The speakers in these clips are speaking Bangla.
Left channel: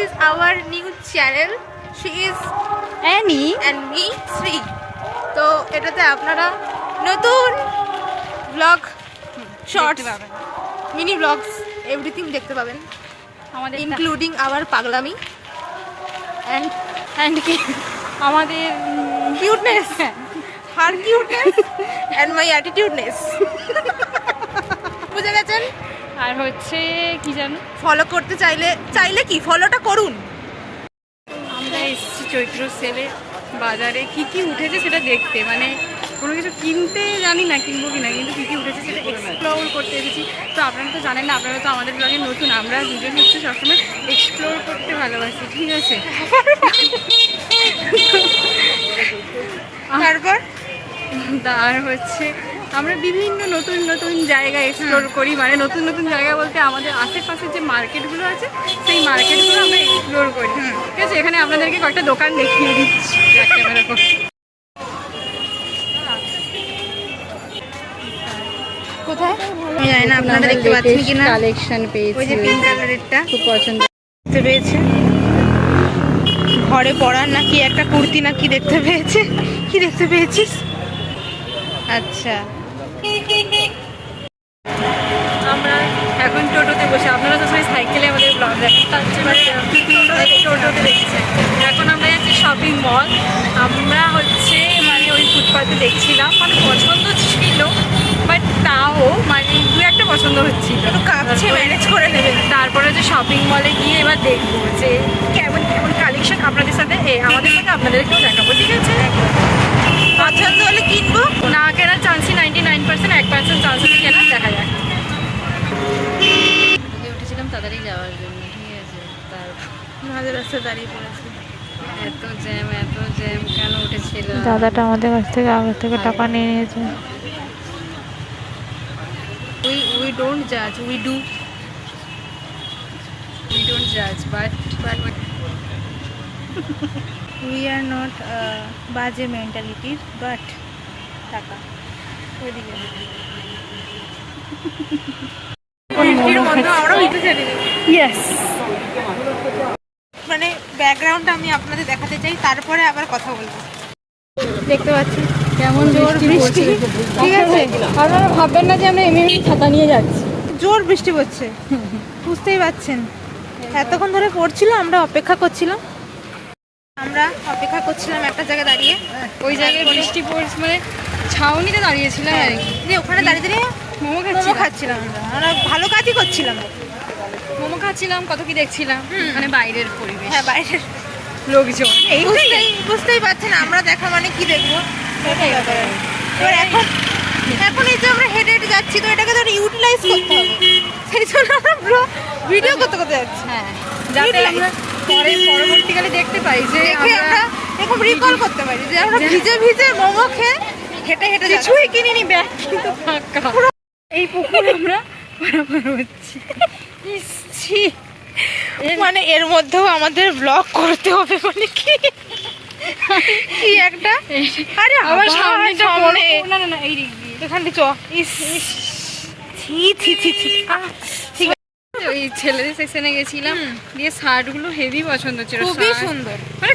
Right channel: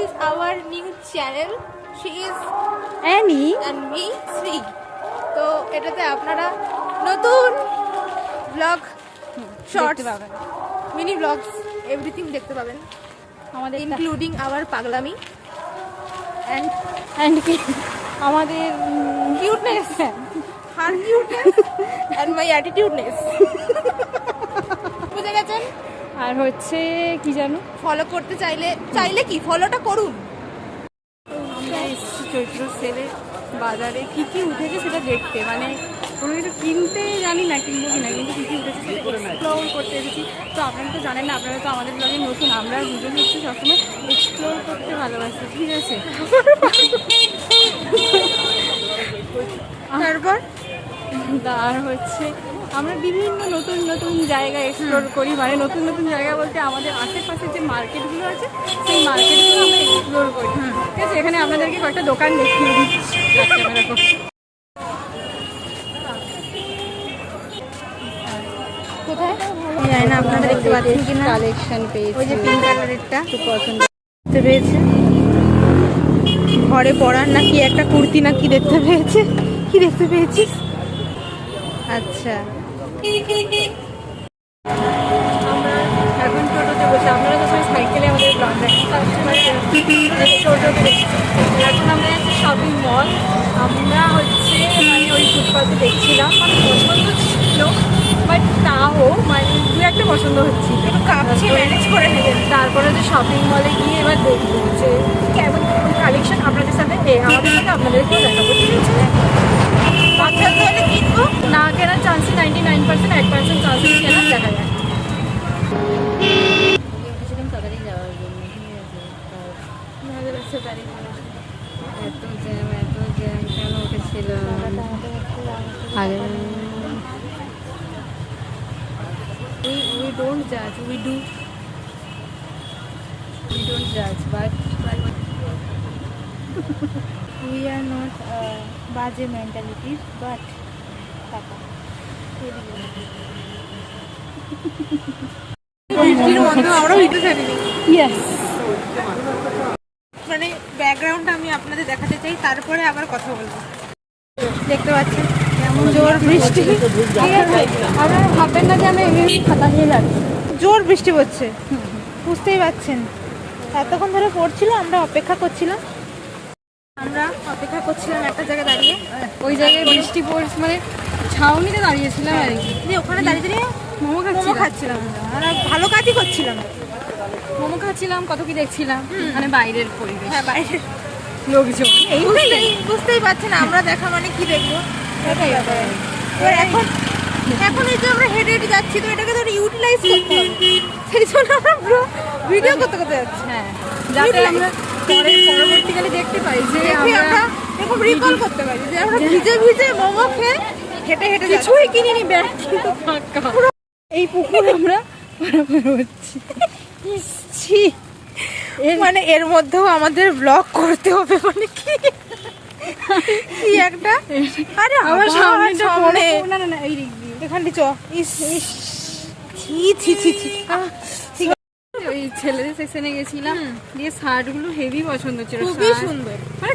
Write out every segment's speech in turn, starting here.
is our new channel. She is Annie and me, Sri. তো এটাতে আপনারা নতুন blog, shorts, mini blogs, everything দেখতে পাবেন, আমাদের ইনক্লুডিং আওয়ার পাগলামি and কি আমাদের cuteness, her cuteness and my attitudeness. বুঝে গেছেন? আর হচ্ছে কি জানো, ফলো করতে চাইলে কি ফলোটা করুন। আমরা এসেছি চৈত্র সেলে বাজারে কি কি উঠেছে সেটা দেখতে, মানে কোনো কিছু কিনতে জানি না কিনবো কি না, কিন্তু কী কী উঠেছে সেটা এক্সপ্লোর করতে এসেছি। তো আপনারা তো জানেন না, আপনারা তো আমাদের ব্লগে নতুন, আমরা দুজন হচ্ছে সবসময় এক্সপ্লোর করতে ভালোবাসি, ঠিক আছে? তারপর আর হচ্ছে আমরা বিভিন্ন নতুন নতুন জায়গা এক্সপ্লোর করি, মানে নতুন নতুন জায়গা বলতে আমাদের আশেপাশে যে মার্কেটগুলো আছে সেই মার্কেটগুলো আমরা এক্সপ্লোর করি, ঠিক আছে? এখানে আপনাদেরকে কয়েকটা দোকান দেখিয়ে দিচ্ছি ক্যামেরা করে। কোথায় আমি জানি না, আপনারা দেখতে পাচ্ছেন কিনা, কালেকশন পেয়েছি, ওই যে পিঙ্ক কালারেরটা খুব পছন্দ দেখতে পেয়েছে, ঘরে পরার নাকি একটা কুর্তি নাকি দেখতে পেয়েছে। কি দেখতে পেয়েছিস? আচ্ছা, আমরা এখন টোটোতে বসে, আপনারা তো সবাই সাইকেলে আমাদের ব্লগ দেখেন, তার টোটোতে দেখছি। এখন আমরা যাচ্ছি শপিং মল। আমরা হচ্ছে মানে ওই ফুটপাতে দেখছিলাম, মানে পছন্দ ছিল বাট তাও মানে দু একটা পছন্দ হচ্ছিল, ম্যানেজ করে নেবেন। তারপরে যে শপিং মলে গিয়ে এবার দেখবো যে কেমন কেমন কালেকশন আপনাদের সাথে আমাদের সাথে আপনাদেরকেও দেখাবো, ঠিক আছে? পছন্দ হলে কিনবো, না কেনার চান্সই 99%, 1% চান্স হলে কেনার, দেখা যায়। উঠেছিলাম তাড়াতাড়ি যাওয়ার জন্য, ঠিক আছে? আমাদের রাস্তায় দাঁড়িয়ে পড়েছে। এত জ্যাম কেন উঠেছিল? দাদাটা আমাদের কাছ থেকে আগে থেকে টাকা নিয়ে নিয়েছে। We don't judge, we do. We don't judge, but We are not বাজে মেন্টালিটির, বাট টাকা ওইদিকে yes, মানে ব্যাকগ্রাউন্ডটা আমি আপনাদের দেখাতে চাই, তারপরে আবার কথা বলবো। দেখতে পাচ্ছেন কেমন জোর বৃষ্টি, ঠিক আছে? আপনারা ভাববেন না যে আমরা এমনি ছাতা নিয়ে যাচ্ছি, জোর বৃষ্টি পড়ছে, বুঝতেই পারছেন। এতক্ষণ ধরে পড়ছিল, আমরা অপেক্ষা করছিলাম একটা জায়গায় দাঁড়িয়ে। ওই জায়গায় বৃষ্টি পড়ছে, মানে ছাউনিতে দাঁড়িয়েছিলাম আর কি। যে ওখানে দাঁড়িয়ে দাঁড়িয়ে মোমো খাচ্ছিলাম, আমরা ভালো কাজই করছিলাম। মোমো খাচ্ছিলাম, কত কি দেখছিলাম, মানে বাইরের পরিবেশ, হ্যাঁ বাইরের লোকজন, এই বুঝতেই পারছেন আমরা দেখা মানে কি দেখবো, এরকম ব্যাপার। এবার এখন এই যে আমরা হেঁটে হেঁটে যাচ্ছি, তো এটাকে তো ইউটিলাইজ করতে হবে, সেই জন্য আমরা ভিডিও করতে যাচ্ছি। হ্যাঁ, যাতে আমরা পরবর্তীকালে দেখতে পাই যে আমরা এরকম রিকল করতে পারি যে আমরা ভিজে ভিজে মোমো খেয়ে হেঁটে হেঁটে কিছুই কিনিনি, ব্যাগ কিন্তু ফাঁকা। এই পুকুর আমরা পারাপার হচ্ছি, মানে এর মধ্যেও আমাদের ব্লগ করতে হবে, মানে কি একটা। আরে আমার সামনে না এই দিক দিয়ে এখানে চ, ঠিক আছে। ওই ছেলেদের সেকশনে গেছিলাম, দিয়ে শার্টগুলো হেভি পছন্দ ছিল, খুবই সুন্দর, মানে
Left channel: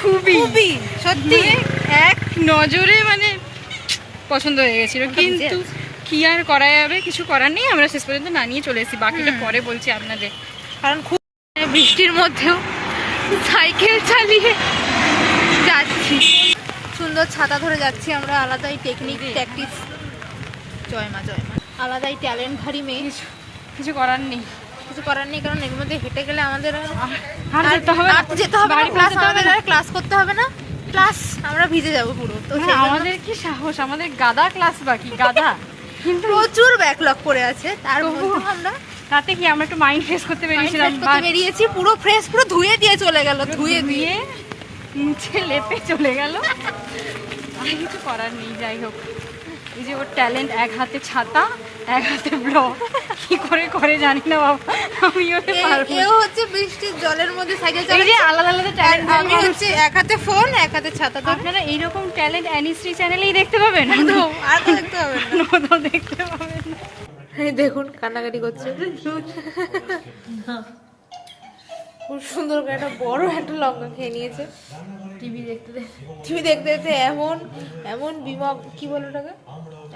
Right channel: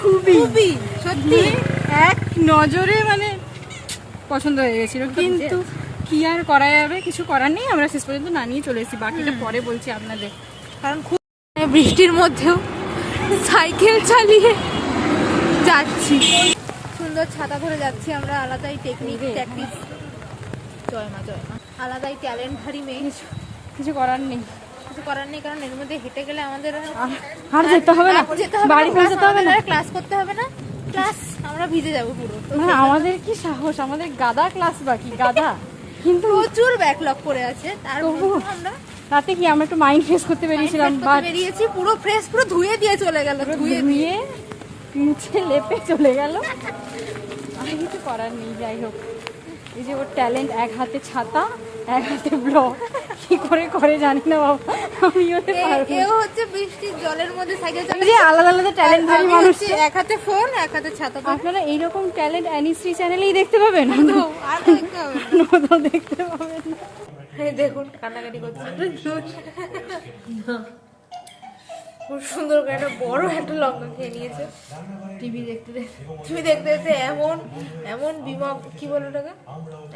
খুবই সত্যি এক নজরে মানে পছন্দ হয়ে গেছিল, কিন্তু কি আর করা যাবে, কিছু করার নেই। আমরা শেষ পর্যন্ত না নিয়ে চলে এসেছি, বাকিটা পরে বলছি আপনাদের। কারণ খুব বৃষ্টির মধ্যেও সাইকেল চালিয়ে যাচ্ছি, সুন্দর ছাতা ধরে যাচ্ছি আমরা, আলাদাই টেকনিক প্র্যাকটিস। জয় মা আলাদাই ট্যালেন্ট ধারী মেয়ে, কিছু করার নেই, কারণ এর মধ্যে হেঁটে গেলে আমাদের আর যেতে হবে না, ক্লাস করতে হবে না, ক্লাস আমরা ভিজে যাবো পুরো। তো আমাদের কি সাহস, আমাদের গাদা ক্লাস বাকি, গাদা, কিন্তু প্রচুর ব্যাকলগ করে আছে। তার আমরা তাতে কি আমরা একটু মাইন্ড ফ্রেশ করতে বেরিয়েছিলাম, বেরিয়েছি পুরো ফ্রেশ, পুরো ধুয়ে দিয়ে চলে গেল, ধুয়ে দিয়ে মুছে লেপে চলে গেল, আর কিছু করার নেই। যাই হোক, এই যে ওর ট্যালেন্ট, এক হাতে ছাতা এক হাতে ব্লগ, কি করে জানি না বাবা, আমি হচ্ছে বৃষ্টির জলের মধ্যে সাইকেল চালাচ্ছি, এই যে আলাদা ট্যালেন্ট, আমি হচ্ছে এক হাতে ফোন এক হাতে ছাতা। আপনারা এইরকম ট্যালেন্ট অ্যানিশ্রী চ্যানেলেই দেখতে পাবেন, আর দেখতে হবে না, দেখতে পাবেন। দেখুন কান্নাকাটি করছে, খুব সুন্দর করে একটা বড় একটা লঙ্কা খেয়ে নিয়েছে। টিভি দেখতে দেখতে টিভি দেখতে দেখতে এমন এমন বিমক কি বলো ওটাকে,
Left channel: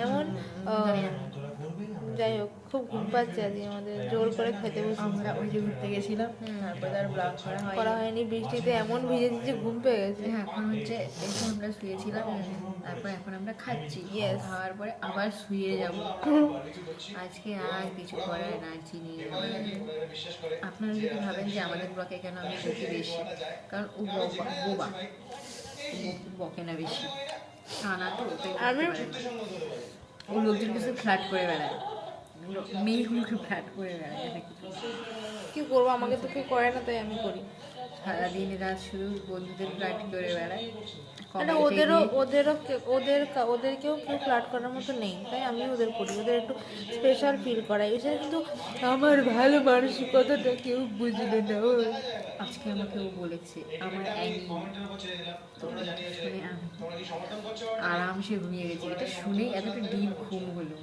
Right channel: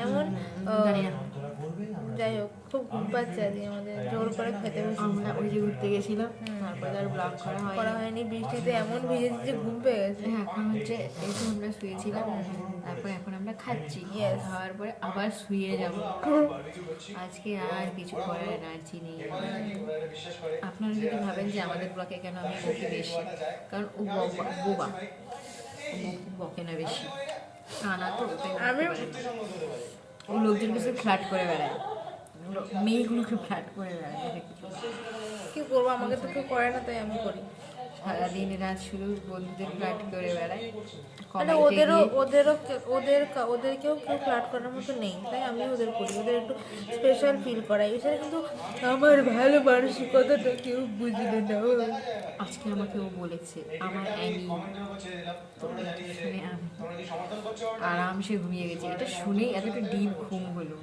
এমন যাই হোক খুব ঘুম পাচ্ছে আজকে, আমাদের জোর করে খেতে বসে আমরা ওই যে ঘুরতে গেছিলাম, তারপরে আর ব্লগ করা হয়নি, বৃষ্টিতে এমন ভিজেছি যে ঘুম পেয়ে গেছে। এখন হচ্ছে এসে আমরা শুয়েছিলাম, তারপরে এখন আমরা খাচ্ছি, খাওয়ার পরে আবার শুয়ে যাব। আজকে আর কিছু করার না, চিনি আপনারা যদি ভাবেন যে আমাদের ব্লকে কেন আমি বকি বেশি, কারণ ও বোবা, বকে না বেশি, তা না তো আমি ও লোকজনকে সে ফ্ল্যাট করে বেড়ায়, মেয়েগুলোকে ফ্ল্যাট করে বেড়ায়, কি করবো, আমাকে তো কেউ করে না তাই আমি করি। সারাদিন রাত শুধু বন্ধুদের ফ্ল্যাট করে বেড়ায়। মানে ওদেরকেও কেউ ফ্ল্যাট করার মতো নেই, তাই আমি ওদের করি, ওদের একটু স্পেশাল ফিল করাই। এছাড়া কিন্তু আমার ভালো মানসিকতাটা কেউ বুঝলে না। আজকে আমাকে ও বলেছে আমার অ্যানি, শুনে আমি আরামসে ঘুমিয়ে গেছি। এটা শুনেই এতটা ডিপ ঘুম হলো,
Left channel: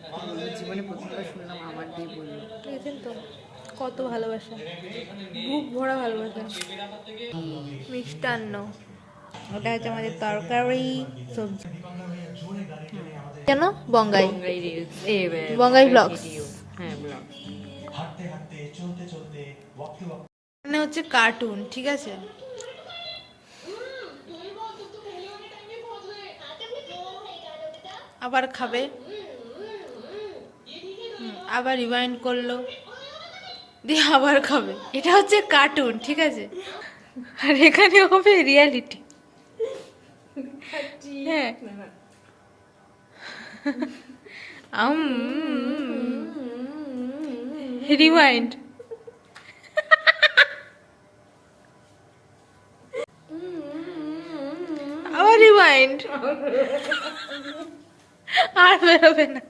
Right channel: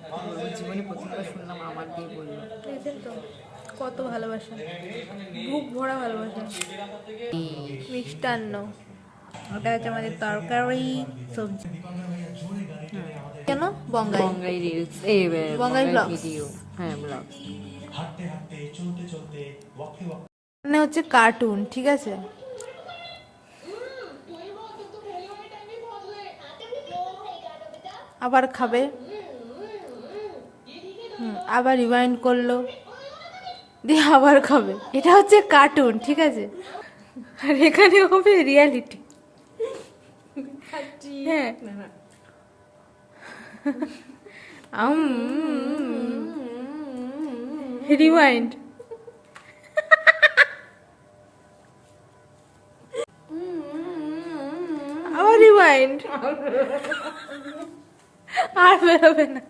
জীবনে প্রথমবার শুনলাম আমার দিয়ে বললো। বুঝছেন তো কত ভালোবাসা, বুক ভরা ভালোবাসা। মিষ্টান্ন, ওটা হচ্ছে আমাদের তরকারি সবজি। কেন বঙ্গাই বঙ্গাই রিলস, বঙ্গাই ব্লগস, হ্যাঁ ব্লগ। মানে হচ্ছে কার্টুন, ঠিক আছে। আবার খাবে, আবার রিমাইন্ড করলো, দিয়ে আবার খাবে। এটা হচ্ছে কার্টুন, ঠিক আছে, আর এখানে হবে রিয়ালিটি। হ্যাঁ রিমাইন্ড, আবার রিমাইন্ড, আর বেরোবে না।